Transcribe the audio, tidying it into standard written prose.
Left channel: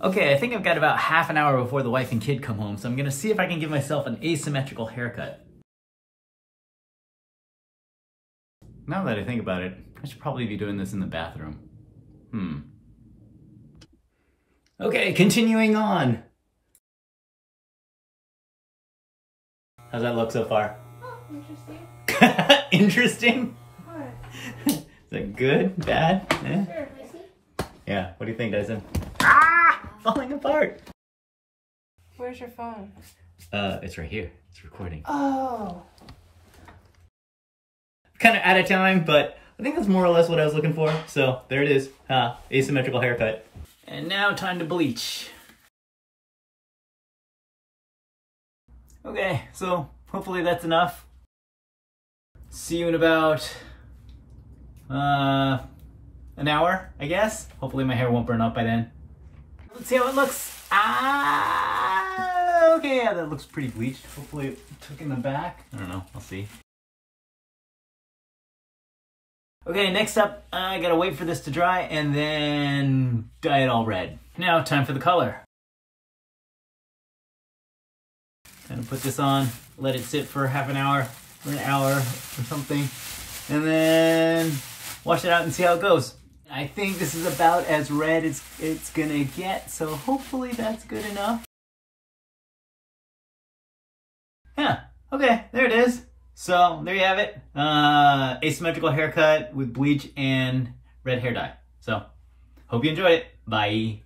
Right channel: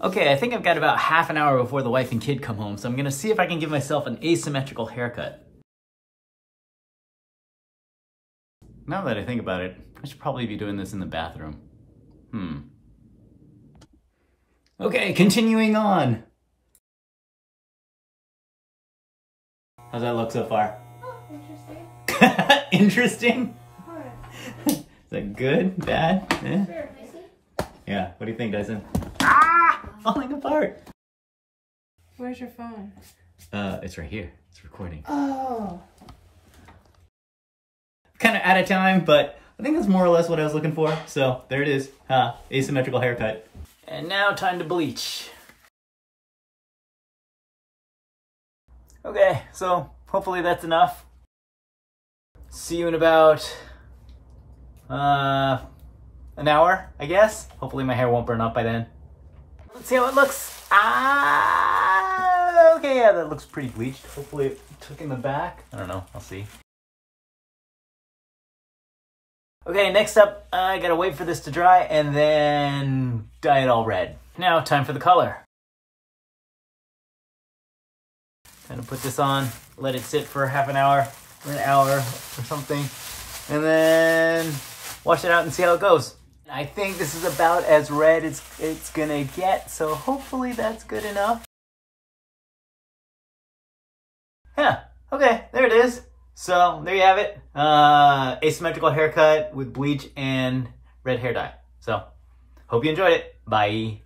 Okay, I think I've got about half an hour before the wife and kid come home, so I'm gonna see if I can give myself an asymmetrical haircut. Now that I think about it, I should probably be doing this in the bathroom. Okay, continuing on. How's that look so far? Interesting. Interesting? What? Is that good? Bad? Eh? Sure, messy. Yeah, what do you think, Dyson? Ah! Falling apart! Where's your phone? It's right here. It's recording. Oh. Kind of out of time, but I think that's more or less what I was looking for. So, there it is. Asymmetrical haircut. And now time to bleach. Okay, so hopefully that's enough. See you in about an hour, I guess. Hopefully my hair won't burn up by then. Let's see how it looks. Okay, yeah, that looks pretty bleached. Hopefully it took in the back. I don't know, I'll see. Okay, next up, I gotta wait for this to dry and then dye it all red. Now, time for the color. Kind of put this on, let it sit for half an hour or an hour or something, and then wash it out and see how it goes. I think this is about as red as it's gonna get, so hopefully that's good enough. Yeah, okay, there it is. So there you have it. Asymmetrical haircut with bleach and red hair dye. So hope you enjoyed it. Bye.